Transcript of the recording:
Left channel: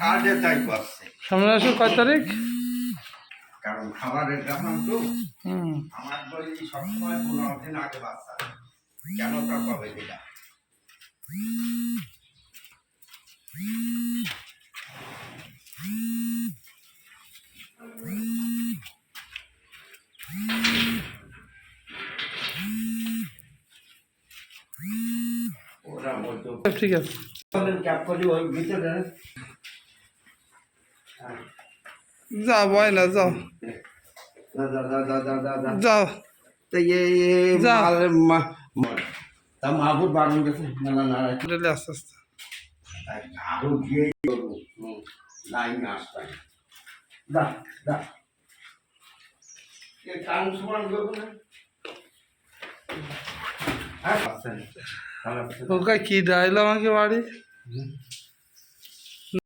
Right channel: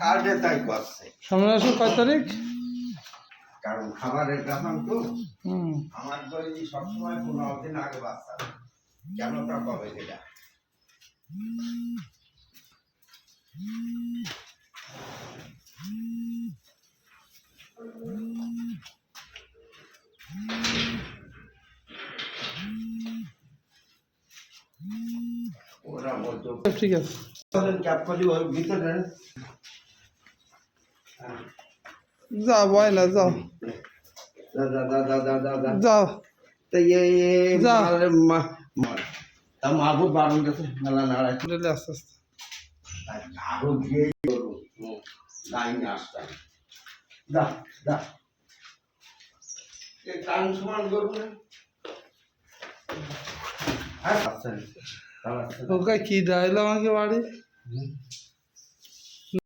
কাজে তাই করছে। সামনে আসুন কয় তারিখ? কারণ খাবারের দাম তো হুম আমার বই সবসময় 15 দিন আগে বাচ্চা কেন তা পাবে এটা। ওরা বলতো ঠিক আছে ক্যাপ করি ওই ভিতরে যাও বয়লা যাও যাও তো ये যাও তা মাহবুব বারণ গেছে মেলা নাড়াই রেলে আস্তে আস্তে আরো গিয়ে লাইনে আসতাম দা দা এ কান সমান করবো না হ্যাঁ আছেন ওকে কি ডাইল আমাকে বাড়ি